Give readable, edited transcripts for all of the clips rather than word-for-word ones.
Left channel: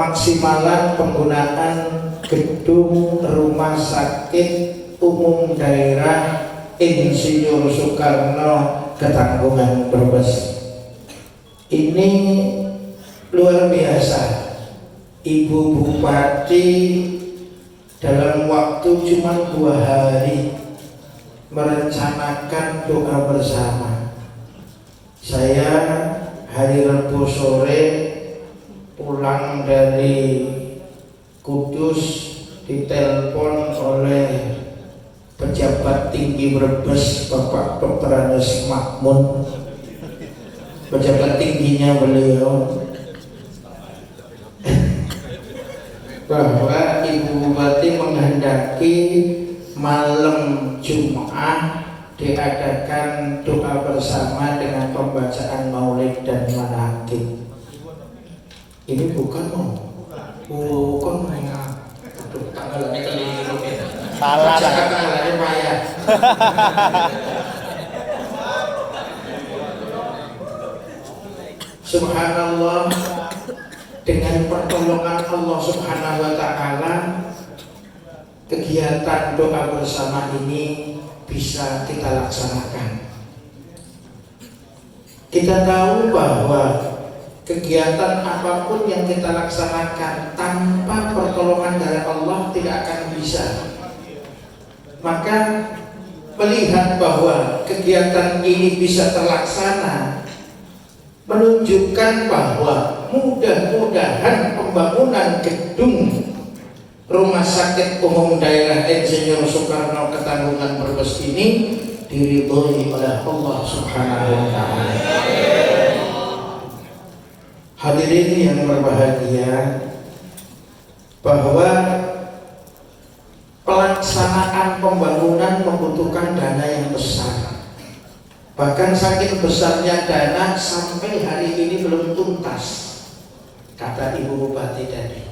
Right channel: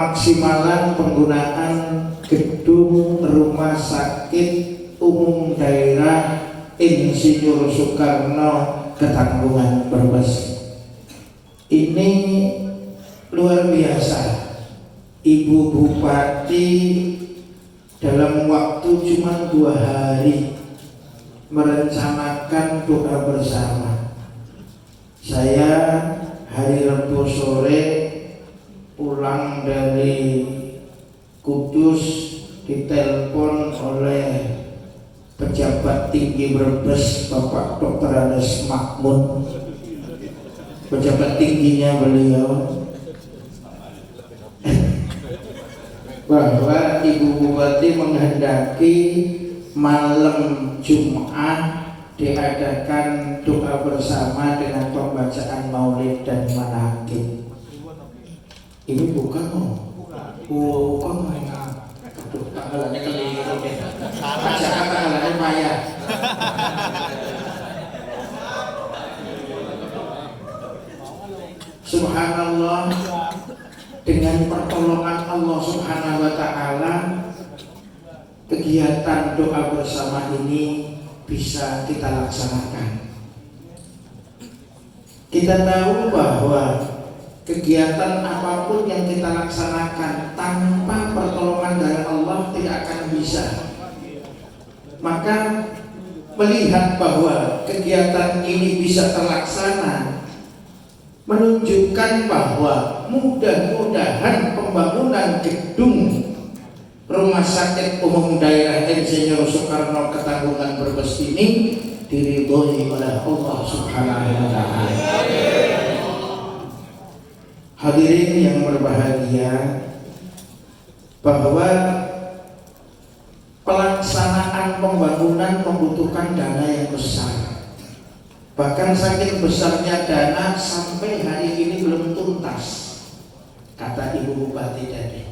Maksimalan penggunaan gedung rumah sakit umum daerah Insinyur Soekarno Ketanggungan Brebes. Ini luar biasa. Ibu Bupati dalam waktu cuma 2 hari merencanakan doa bersama. Saya hari Rabu sore pulang dari Kudus ditelepon oleh pejabat tinggi Brebes, Bapak Dr. Anes Makmun, pejabat tingginya beliau, bahwa Ibu Bupati menghendaki malam Jumat diadakan doa bersama dengan pembacaan maulid dan manaqib. Ini bukan bukan aduh, tanggalannya keliru ya. Salah. Jangan tanggalannya maya. Subhanallah, dengan pertolongan Allah Subhanahu wa Ta'ala, kegiatan doa bersama ini bisa kita laksanakan. Kita tahu bahwa kegiatan apapun yang kita laksanakan tanpa pertolongan dari Allah tidak akan bisa. Maka melihat bahwa kegiatan ini bisa terlaksana menunjukkan bahwa mudah-mudahan pembangunan gedung Rumah Sakit Umum Daerah Insinyur Soekarno Ketanggungan Brebes ini diridhoi oleh Allah Subhanahu wa Ta'ala. Hadirin yang berbahagia, bahwa pelaksanaan pembangunan membutuhkan dana yang besar. Bahkan saking besarnya dana sampai hari ini belum tuntas, kata Ibu Bupati tadi.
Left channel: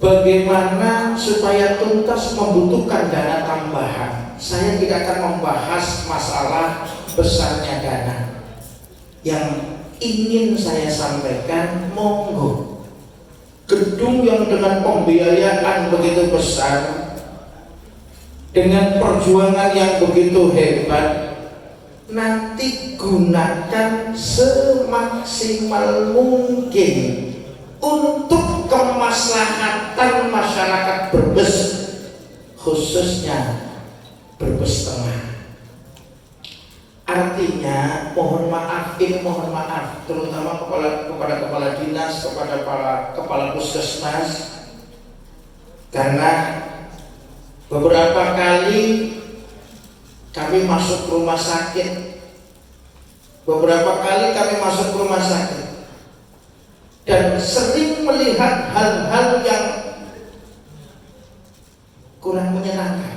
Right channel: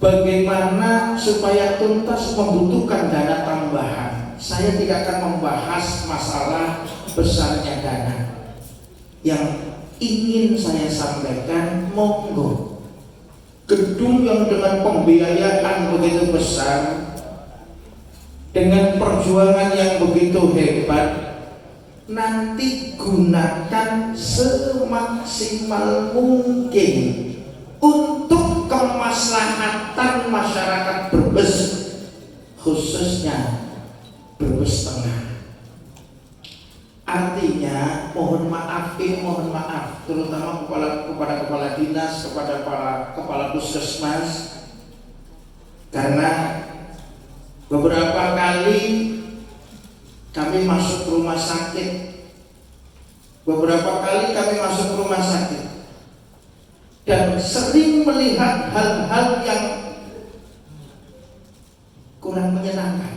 Bagaimana supaya tuntas membutuhkan dana tambahan. Saya tidak akan membahas masalah besarnya dana. Yang ingin saya sampaikan, monggo gedung yang dengan pembiayaan begitu besar, dengan perjuangan yang begitu hebat, nanti gunakan semaksimal mungkin untuk kemaslahatan masyarakat Brebes, khususnya Brebes Tengah. Artinya mohon maaf, terutama kepada kepala dinas, kepada para kepala puskesmas, karena beberapa kali kami masuk rumah sakit, dan sering melihat hal-hal yang kurang menyenangkan.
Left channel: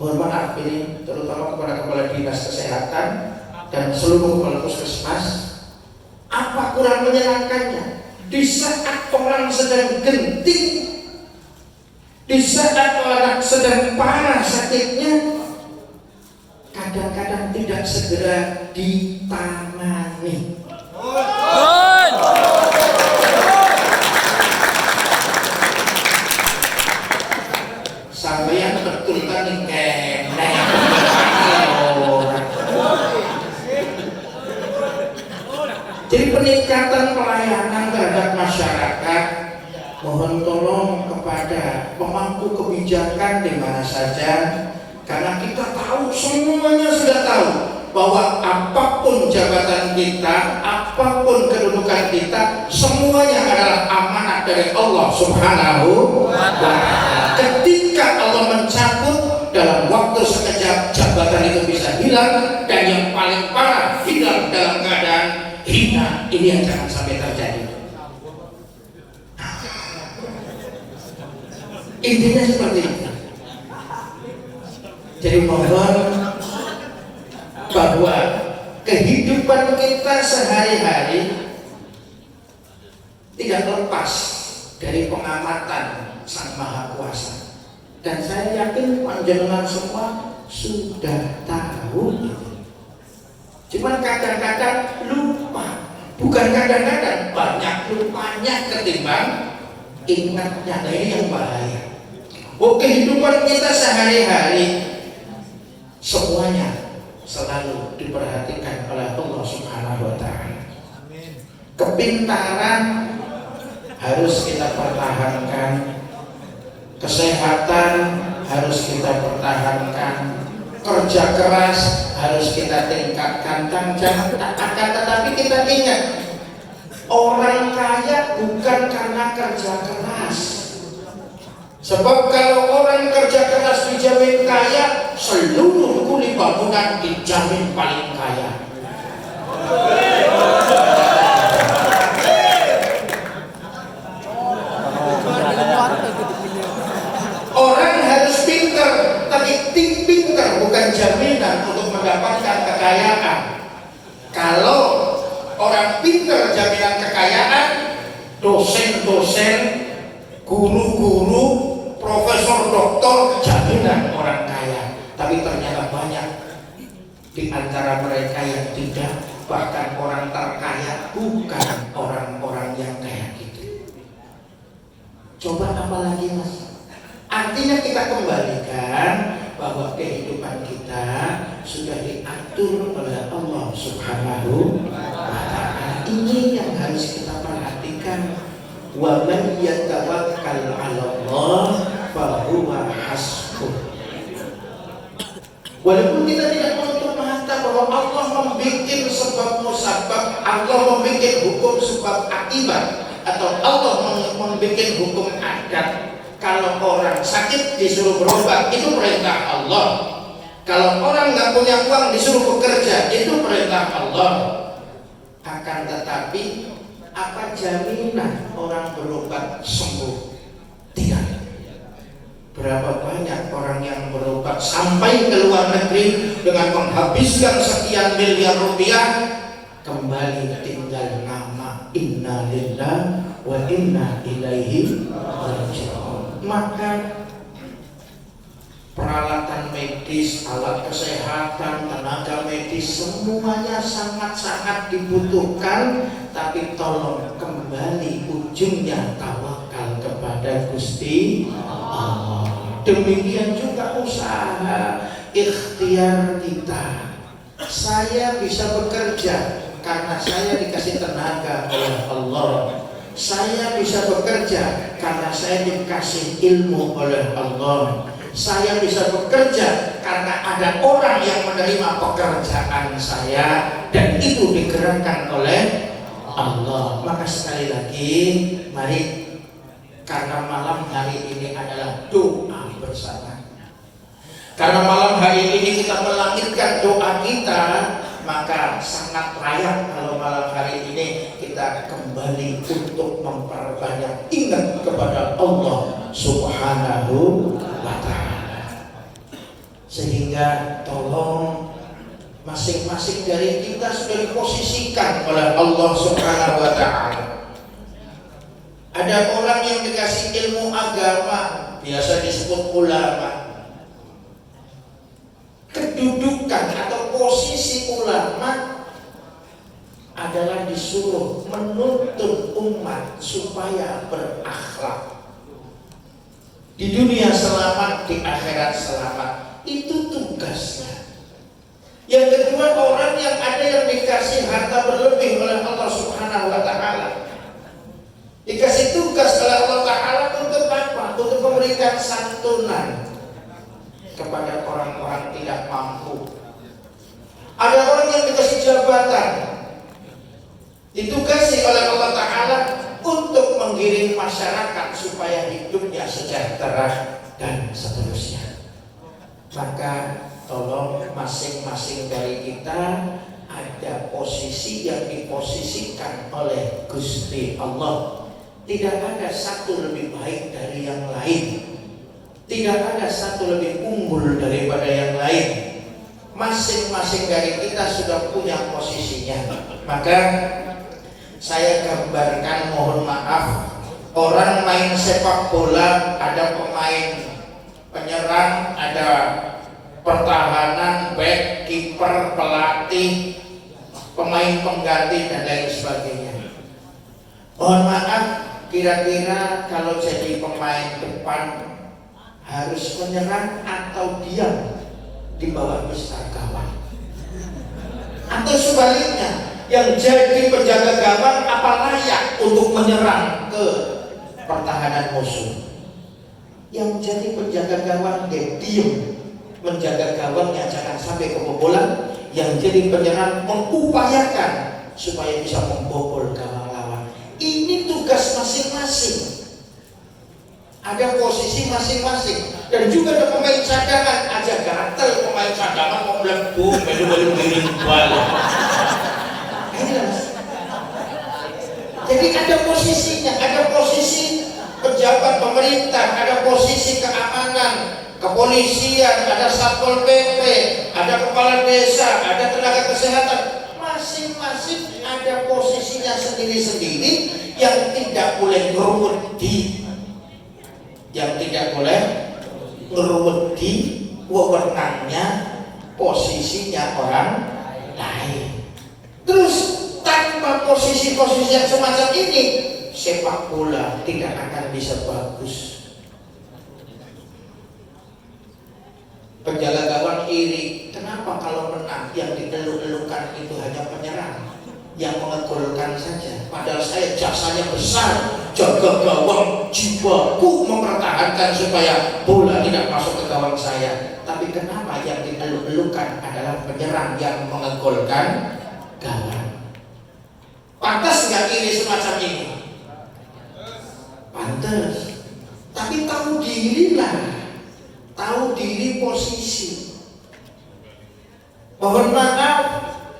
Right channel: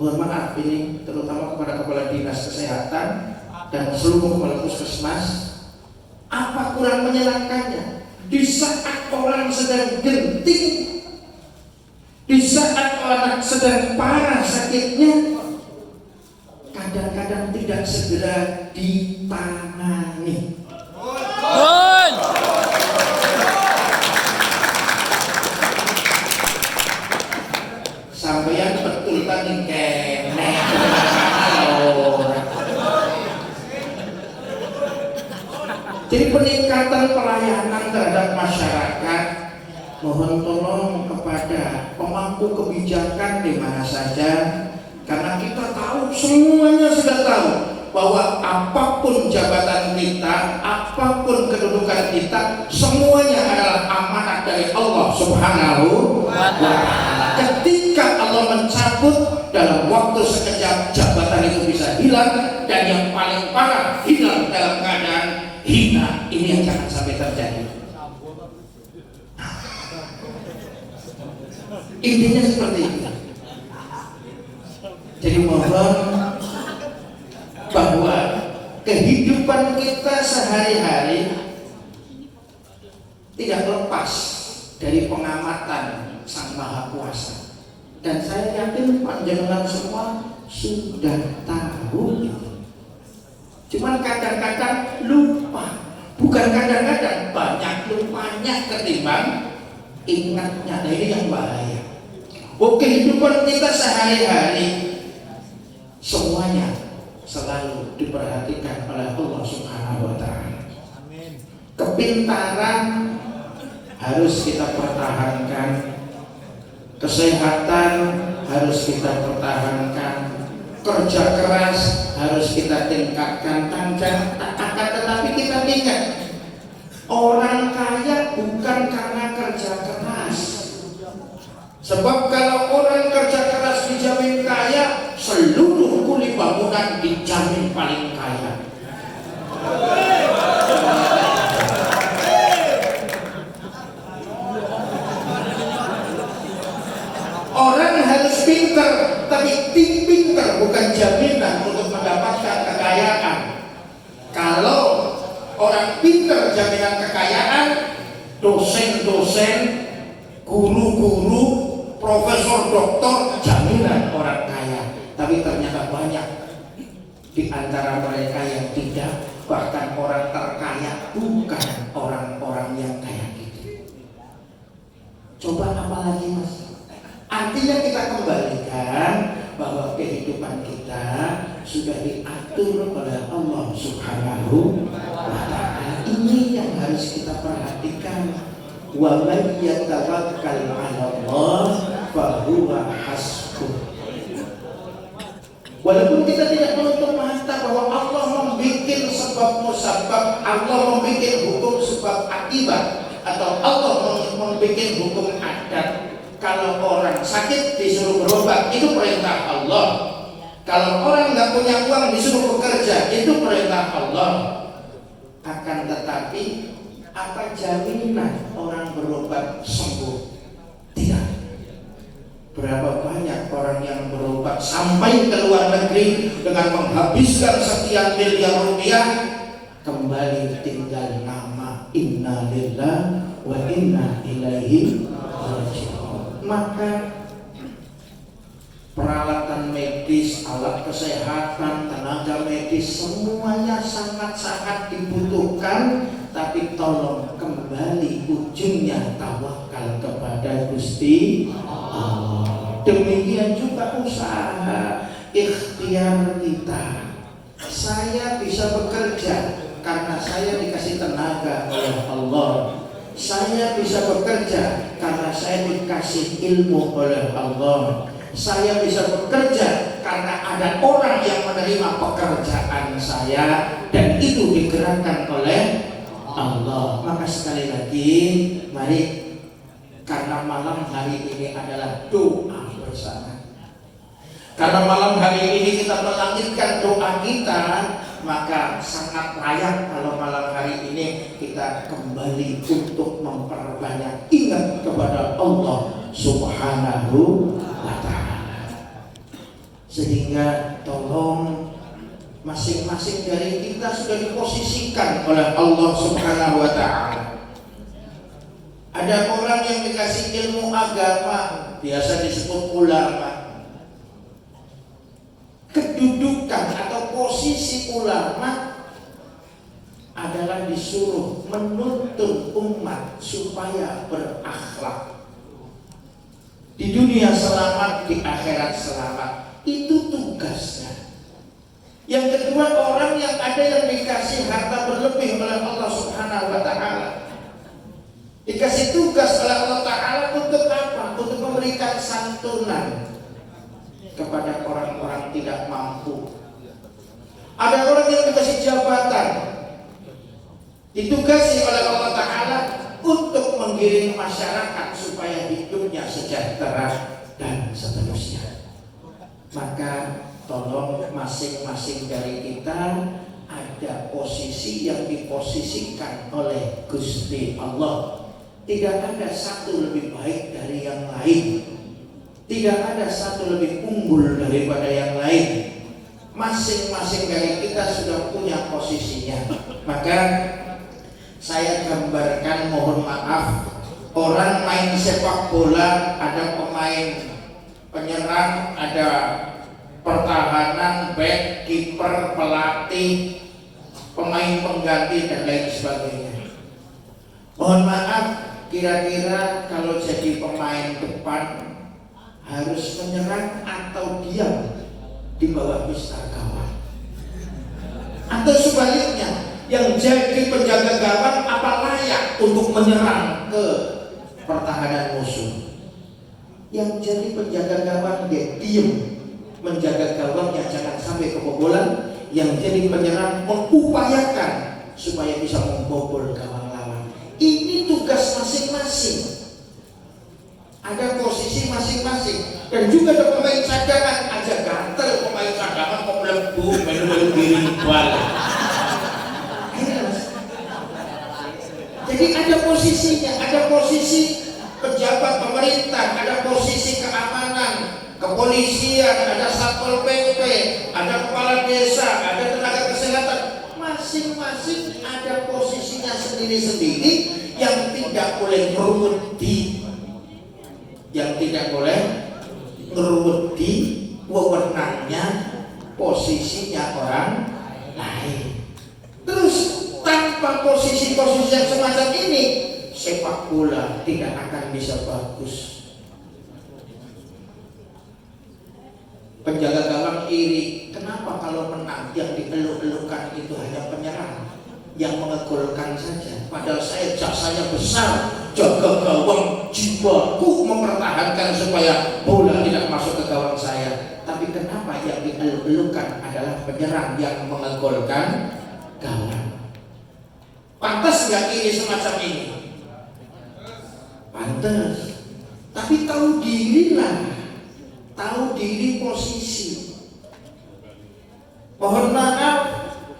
Mohon maaf ini terutama kepada kepala dinas kesehatan dan seluruh kepala puskesmas. Apa kurang menyenangkannya? Di saat orang sedang genting, di saat orang sedang parah sakitnya, kadang-kadang tidak segera ditangani. Sampai yang betul tadi jadi peningkatan pelayanan terhadap masyarakat, mohon tolong kepada pemangku kebijakan di mana saja, karena kita tahu, semuanya sudah tahu bahwa apapun jabatan kita, apapun kedudukan kita, semuanya adalah amanah dari Allah Subhanahu wa Ta'ala. Ketika Allah mencabut, dalam waktu sekejap jabatan itu bisa hilang, dan yang paling parah hilang dalam keadaan hina. Ini yang jangan sampai terjadi. Intinya seperti itu. Jadi mohon bahwa kehidupan kita sehari-hari tidak lepas dari pengamatan Sang Maha Kuasa. Dan saya yakin panjenengan semua sudah tahu. Cuman kadang-kadang lupa. Bukan kadang-kadang, banyak lupanya ketimbang ingatnya. Nah, ini yang bahaya. Kehidupan kita sehari-hari semuanya selalu diperhatikan oleh Allah Subhanahu wa Ta'ala. Kepintaran harus kita pertahankan, kesehatan harus kita pertahankan, kerja keras harus kita tingkatkan. Tetapi kita ingat, orang kaya bukan karena kerja keras. Sebab kalau orang kerja keras dijamin kaya, seluruh kulit bangunan dijamin paling kaya. Orang harus pintar, tapi pintar bukan jaminan untuk mendapatkan kekayaan. Kalau orang pintar jaminan kekayaan, dosen-dosen, guru-guru, profesor, doktor jaminan orang kaya. Tapi ternyata banyak di antara mereka yang tidak, bahkan orang terkaya bukan orang-orang yang kayak gitu. Coba apa lagi, Mas? Artinya kita kembalikan bahwa kehidupan kita sudah diatur oleh Allah Subhanahu wa Ta'ala. Ini yang harus kita perhatikan. Wa man yatawakkal 'ala Allah fa huwa hasbuh. Walaupun kita tidak menutup mata bahwa Allah membuat sebab musabab, Allah membuat hukum sebab akibat, atau Allah membuat hukum adat. Kalau orang sakit disuruh berobat, itu perintah Allah. Kalau orang nggak punya uang disuruh bekerja, itu perintah Allah. Akan tetapi, apa jaminan orang berobat sembuh? Tidak. Berapa banyak orang yang berobat sampai ke luar negeri dengan menghabiskan sekian miliar rupiah, kembali tinggal nama inna lillahi wa inna ilaihi raji'un. Maka peralatan medis, alat kesehatan, tenaga medis semuanya sangat-sangat dibutuhkan. Tapi tolong kembali ujungnya tawakal kepada Gusti Allah. Demikian juga usaha, ikhtiar kita. Saya bisa bekerja karena saya dikasih tenaga oleh Allah. Saya bisa bekerja karena saya dikasih ilmu oleh Allah. Saya bisa bekerja karena ada orang yang menerima pekerjaan saya, dan itu digerakkan oleh Allah. Maka sekali lagi, mari, karena malam hari ini adalah doa bersama. Karena malam hari ini kita melangitkan doa kita, maka sangat layak kalau malam hari ini kita kembali untuk memperbanyak ingat kepada Allah Subhanahu wa Ta'ala. Sehingga tolong masing-masing dari kita sudah diposisikan oleh Allah Subhanahu wa Ta'ala. Ada orang yang dikasih ilmu agama, biasa disebut ulama. Kedudukan atau posisi ulama adalah disuruh menuntun umat supaya berakhlak. Di dunia selamat, di akhirat selamat. Itu tugasnya. Yang kedua, orang yang ada yang dikasih harta berlebih oleh Allah Subhanahu wa Ta'ala, dikasih tugas oleh Allah Ta'ala untuk apa? Untuk memberikan santunan kepada orang-orang tidak mampu. Ada orang yang dikasih jabatan, ditugasi oleh Allah Ta'ala untuk menggiring masyarakat supaya hidupnya sejahtera dan seterusnya. Maka tolong masing-masing dari kita ada posisi yang diposisikan oleh Gusti Allah. Tidak ada satu lebih baik dari yang lain. Tidak ada satu lebih unggul daripada yang lain. Masing-masing dari kita sudah punya posisinya. Maka saya gambarkan, mohon maaf, orang main sepak bola, ada pemain penyerang, ada pertahanan, back, kiper, pelatih. pemain pengganti dan lain sebagainya. Mohon maaf, kira-kira kalau jadi pemain depan harus menyerang atau diam di bawah mistar gawang? Atau sebaliknya, yang jadi penjaga gawang apa layak untuk menyerang ke pertahanan musuh? Yang jadi penjaga gawang dia diam menjaga gawangnya jangan sampai kebobolan. Yang jadi penyerang mengupayakan supaya bisa membobol gawang lawan. Ini tugas masing-masing. Ada posisi masing-masing. Dan juga ada pemain cadangan. Aja gatel pemain cadangan kok melebu melu-melu biru balik. Jadi ada posisinya, ada posisi pejabat pemerintah, ada posisi keamanan, kepolisian, ada satpol pp, ada kepala desa, ada tenaga kesehatan. Masing-masing ada posisinya sendiri-sendiri yang tidak boleh ngerumut di wewenangnya posisinya orang lain. Terus tanpa posisi-posisi yang semacam ini, sepak bola tidak akan bisa bagus. Penjaga gawang iri, kenapa kalau menang yang dieluk-elukan itu hanya penyerang yang mengegolkan saja, padahal saya jasanya besar, jaga gawang, jiwaku mempertahankan supaya bola tidak masuk ke gawang saya. Tapi kenapa yang dieluk-elukan adalah penyerang yang mengegolkan gawang? Pantas nggak iri semacam ini? Pantas. Tapi tahu diri lah, tahu diri posisi. Mohon maaf,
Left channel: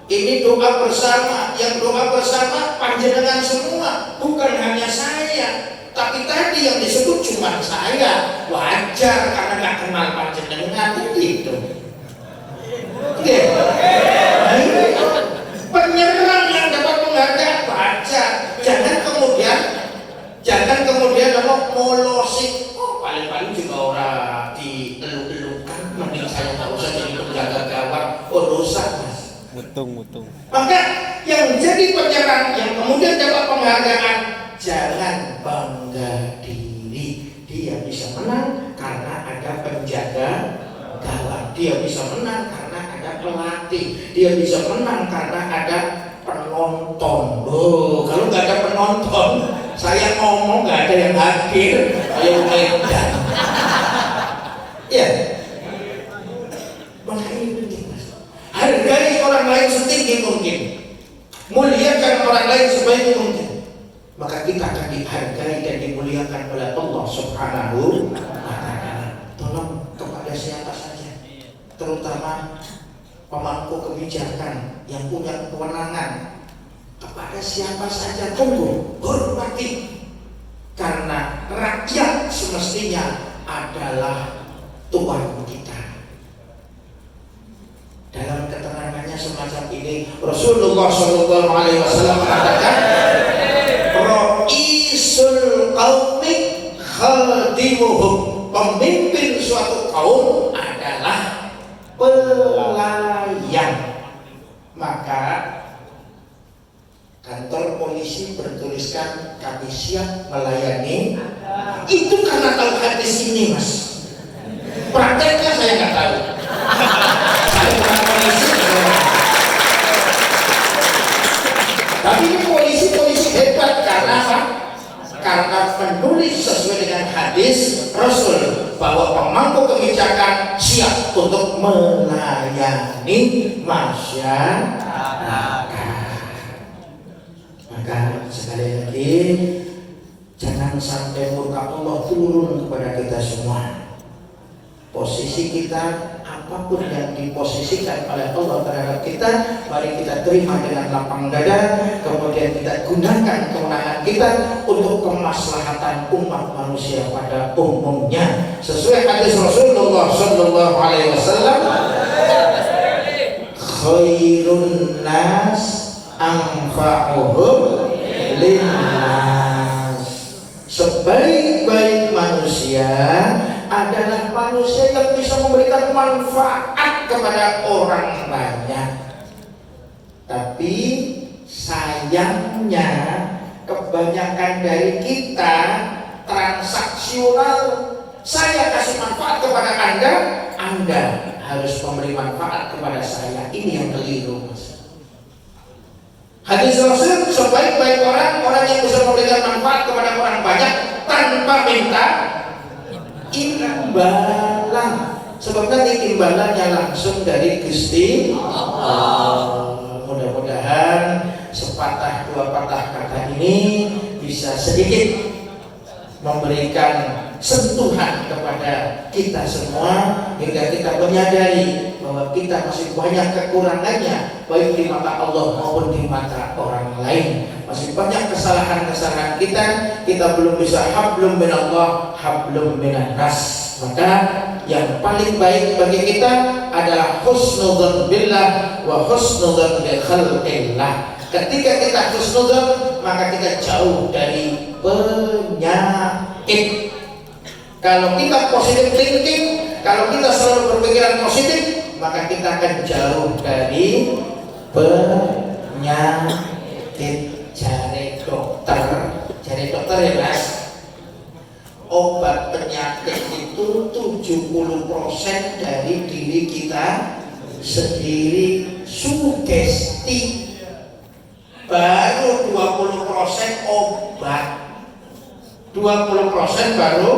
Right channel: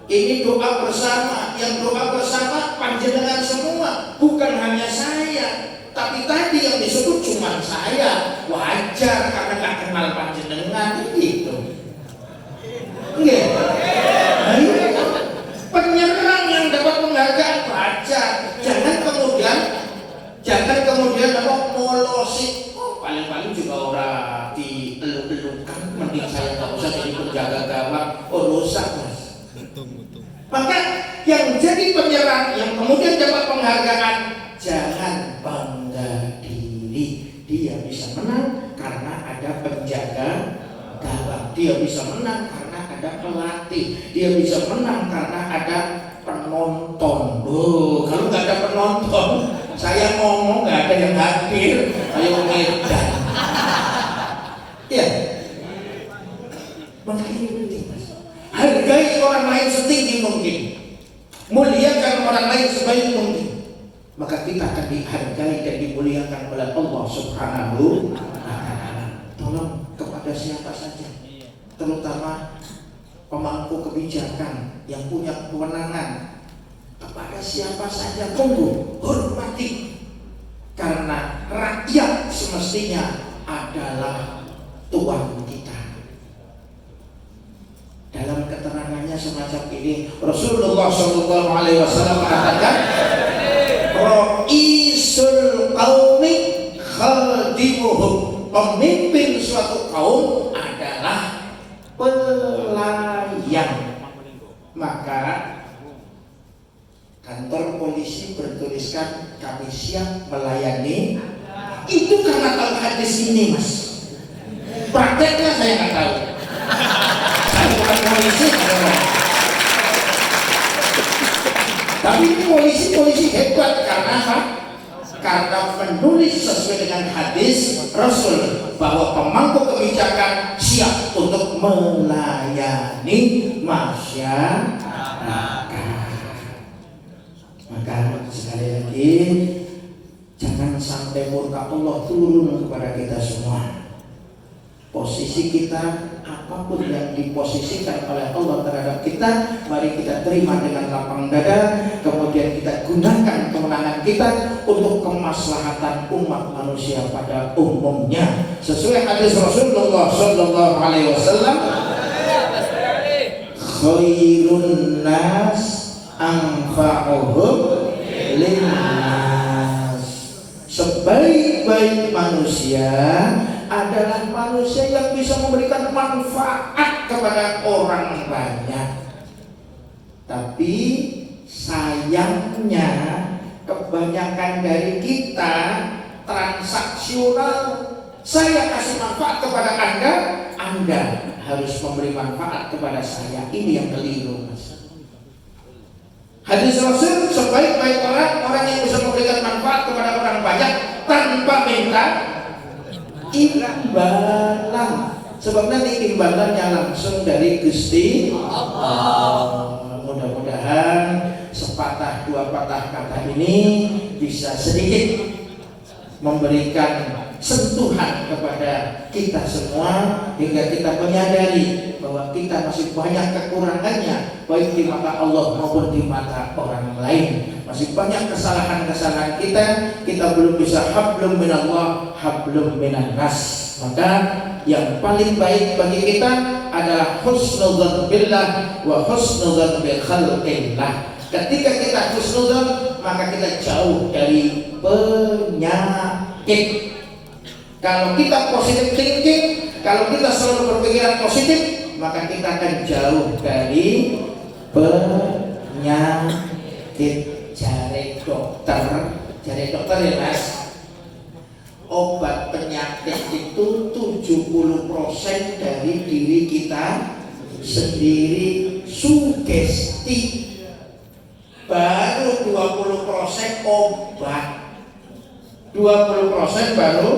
ini doa bersama. Yang doa bersama panjenengan semua, bukan hanya saya. Tapi tadi yang disebut cuma saya. Wajar karena nggak kenal panjenengan itu. Penyerang yang dapat menghargai baca. Jangan kemudian apa molosik. Paling-paling juga orang dieluk-elukan. Mending saya nggak usah jadi penjaga gawang. Rusak mas. Mutung. Maka yang jadi penyerang yang kemudian dapat penghargaan, jangan bangga diri. Dia bisa menang karena ada penjaga gawang. Dia bisa menang karena ada pelatih. Dia bisa menang karena ada penonton. Kalau nggak ada penonton, saya ngomong nggak ada yang hadir. Ayo medan. Ya. Makanya penting mas. Hargai orang lain setinggi mungkin. Muliakan orang lain sebaik mungkin. Maka kita akan dihargai dan dimuliakan oleh Allah Subhanahu wa ta'ala. Tolong kepada siapa saja, terutama pemangku kebijakan yang punya kewenangan, kepada siapa saja tunggu, hormati. Karena rakyat semestinya adalah tuan kita. Dalam keterangannya semacam ini, Rasulullah SAW mengatakan, Ra'isul qaumi khadimuhum. Pemimpin suatu kaum adalah pelayan. Maka kantor polisi bertuliskan kami siap melayani. Itu karena tahu hadis ini mas. Prakteknya saya nggak tahu. Saya bukan polisi. Tapi ini polisi hebat karena apa? Karena menulis sesuai dengan hadis Rasul bahwa pemangku kebijakan siap untuk melayani masyarakat. Maka sekali lagi, jangan sampai murka Allah turun kepada kita semua. Posisi kita, apapun yang diposisikan oleh Allah terhadap kita, mari kita terima dengan lapang dada. Kemudian kita gunakan kemenangan kita untuk kemaslahatan umat manusia pada umumnya. Sesuai hadis Rasulullah Sallallahu Alaihi Wasallam, khairun nas anfa'uhum linnas. Sebaik-baik manusia adalah manusia yang bisa memberikan manfaat kepada orang banyak. Tapi sayangnya kebanyakan dari kita transaksional. Saya kasih manfaat kepada Anda, Anda harus memberi manfaat kepada saya. Ini yang keliru. Hadis Rasul, sebaik-baik orang yang bisa memberikan manfaat kepada orang banyak tanpa minta imbalan. Sebab nanti imbalannya langsung dari Gusti Allah. Mudah-mudahan sepatah dua patah kata ini bisa sedikit memberikan sentuhan kepada kita semua hingga kita menyadari bahwa kita masih banyak kekurangannya, baik di mata Allah maupun di mata orang lain. Masih banyak kesalahan-kesalahan kita belum bisa hablum minallah hablum minan nas. Maka yang paling baik bagi kita adalah husnudzon billah wa husnudzon bi khalqillah. Ketika kita husnudzon, maka kita jauh dari penyakit. Kalau kita positif thinking, kalau kita selalu berpikiran positif, maka kita akan jauh dari penyakit. Cari dokter ya mas. Obat penyakit itu 70% dari diri kita sendiri, sugesti. Baru 20% obat, 20% baru.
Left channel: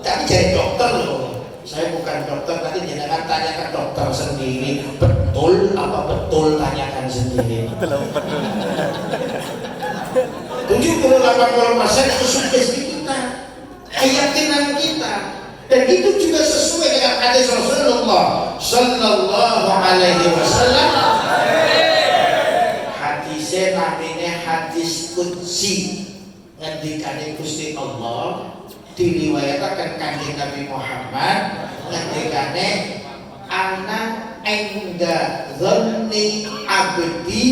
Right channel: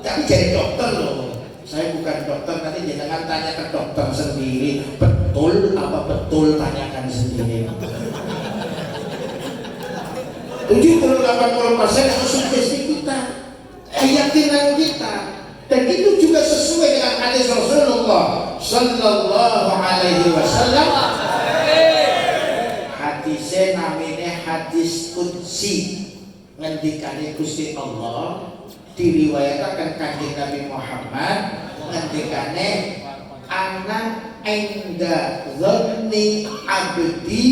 Tapi jadi dokter loh. Saya bukan dokter, nanti jangan tanya ke dokter sendiri. Betul apa betul, tanyakan sendiri. 70-80% itu sugesti kita, keyakinan kita, dan itu juga sesuai dengan hadis Rasulullah Sallallahu Alaihi Wasallam. Hadisnya namanya hadis qudsi, ngendikane Gusti Allah, diriwayatkan kanjeng Nabi Muhammad, ngendikane ana inda dhanni abdi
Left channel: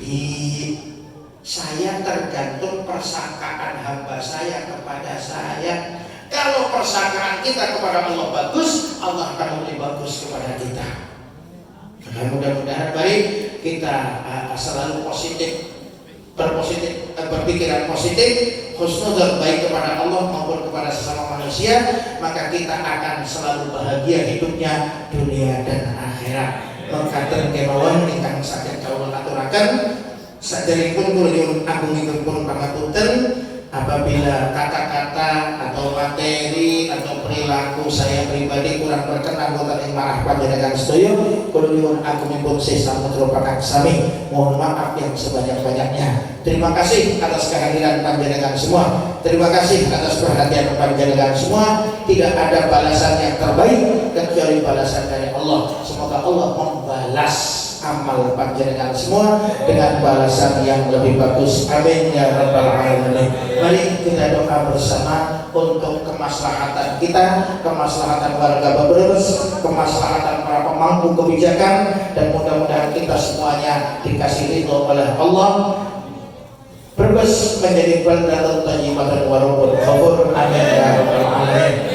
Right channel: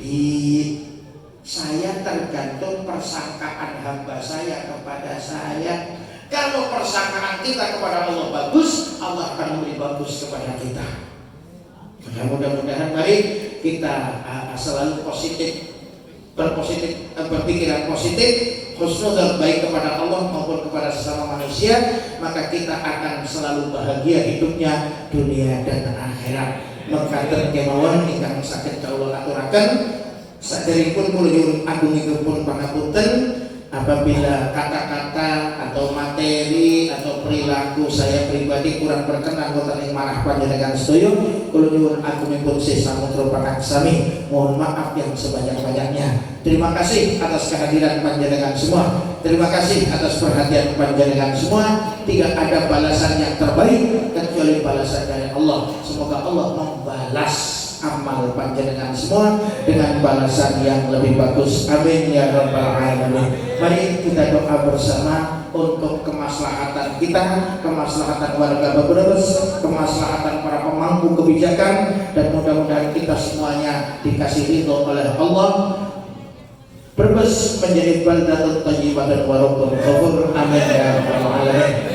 bi. Saya tergantung persangkaan hamba saya kepada saya. Kalau persangkaan kita kepada Allah bagus, Allah akan lebih bagus kepada kita. Maka mudah-mudahan baik kita selalu positif, berpikiran positif, husnudzon baik kepada Allah maupun kepada sesama manusia, maka kita akan selalu bahagia hidupnya dunia dan akhirat. Maka terkemawon ingkang saged kawula aturaken saderengipun kula nyuwun agungipun pangapunten apabila kata-kata atau materi atau perilaku saya pribadi kurang berkenan wonten ing manah panjenengan sedaya, kula nyuwun agungipun sesamudra pangaksami, mohon maaf yang sebanyak-banyaknya. Terima kasih atas kehadiran panjenengan semua. Terima kasih atas perhatian panjenengan semua. Tidak ada balasan yang terbaik kecuali balasan dari Allah. Semoga Allah membalas amal panjenengan semua dengan balasan yang lebih bagus. Amin ya rabbal alamin. Mari kita doa bersama untuk kemaslahatan kita, kemaslahatan warga Babrebes, kemaslahatan para pemangku kebijakan, dan mudah-mudahan kita semuanya dikasih ridho oleh Allah. Brebes menjadi baldatun thayyibatan wa rabbul ghafur. Amin ya rabbal alamin.